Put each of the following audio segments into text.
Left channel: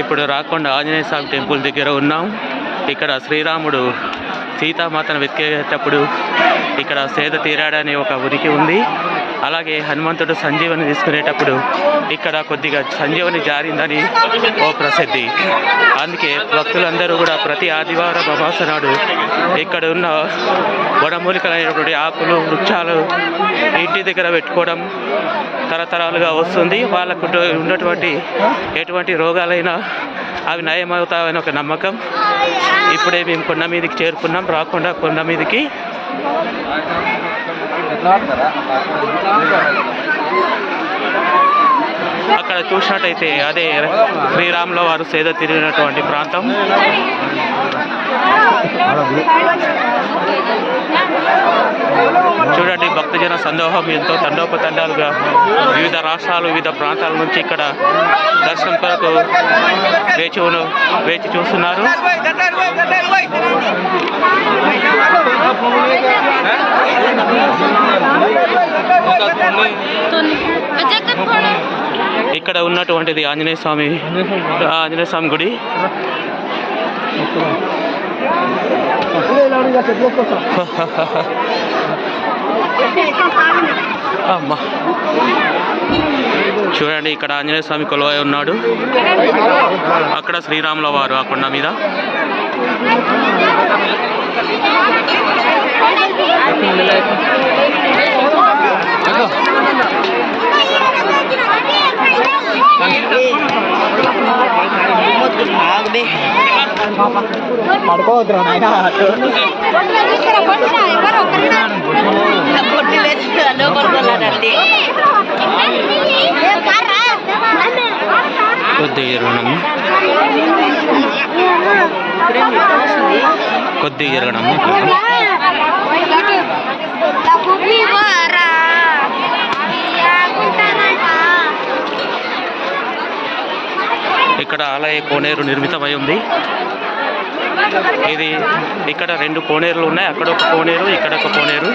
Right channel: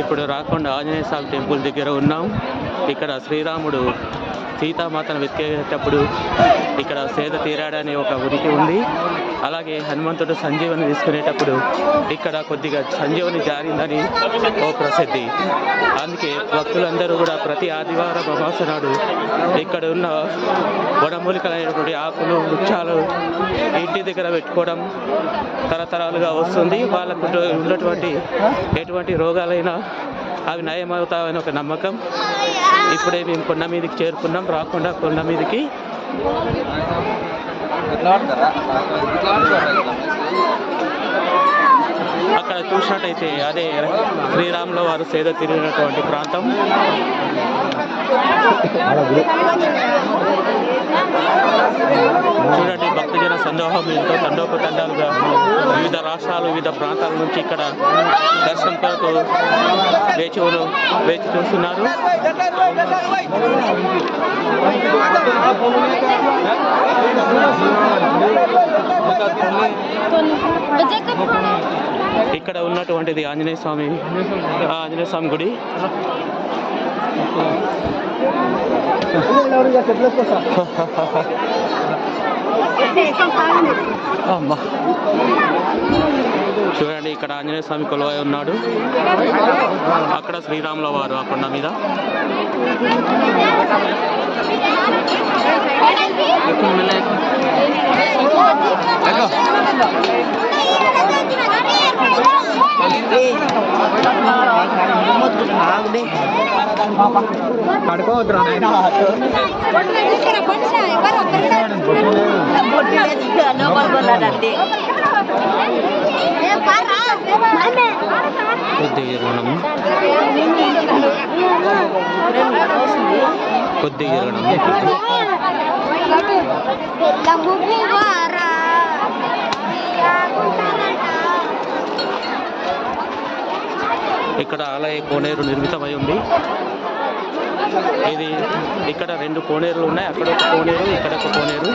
ఇప్పుడు రాకొండ ఆంజనేయ స్వామి టెంపుల్ దగ్గర ఉన్నాం. ఇక్కడ శ్రీరాముడు సీతామాతను వెతికేటప్పుడు ఇక్కడ సేద తీరాడనే ఒక ఉనికి ఉంది. అలాగే హనుమంతుడు సంజీవని తీసుకునేటప్పుడు ఇక్కడ కొద్దిగా సంజీవని జారిందని ఓ ప్రసిద్ధి. అందుకే భక్తులందరూ కూడా ప్రతి ఆదివారం అమావాస్య నాడు ఇక్కడ ఉన్న వనమూలికలైనటువంటి ఆకులు వృక్షాలు ఇంటి దగ్గర పెట్టుకోవడం తరతరాలుగా వస్తుంది. వాళ్ళకు ఉన్నటువంటి ఎటువంటి రోగాలైనా అవి నయమవుతాయని ఒక నమ్మకం. ఇప్పుడే మేము కొండ మీదకి చేరుకున్నాం, రాకుండా కొండ మీదకి. అక్కడ చూసినట్టయితే అదే శ్రీరాముల వారు సేద తిరిగినటువంటి ప్రాంతం. చూడండి, భక్తజన సందోహం ఎంతో తండోపతండాలుగా వివిధ రాష్ట్రాలు వివిధ ప్రాంతాల నుంచి ఇక్కడ దర్శనం కొరకు వేచి చూస్తున్నారు. ఇక్కడ ఉన్నటువంటిది ఆంజనేయ స్వామి గుడి. అమ్మా, చూడండి, ఇక్కడ ఆంజనేయ స్వామి కొలువై ఉన్నాడు. అక్కడ శ్రీరాముల వారు ఆ కొండ మీద. పడుకోవద్దురా నాయన. కొద్దిగా జరగడం ఇక్కడ ఆలయ కోనేరు నిర్మితమై ఉంది. ఇది ఇక్కడ 2 కోనేరులు ఉన్నాయి. అక్కడ ఒక కోనేరు, ఇక్కడ ఒక కోనేరు.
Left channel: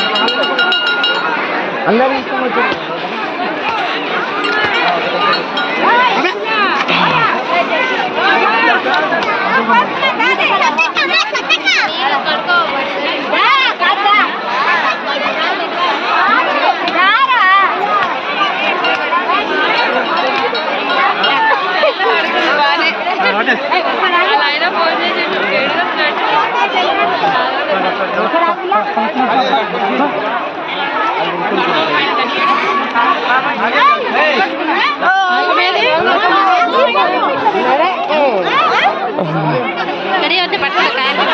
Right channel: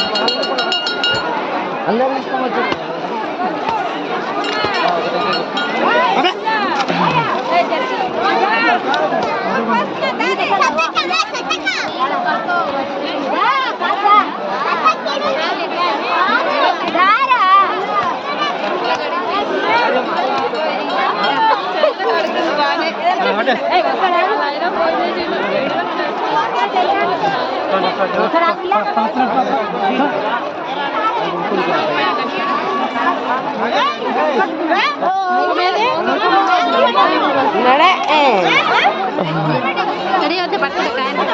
Jadi ada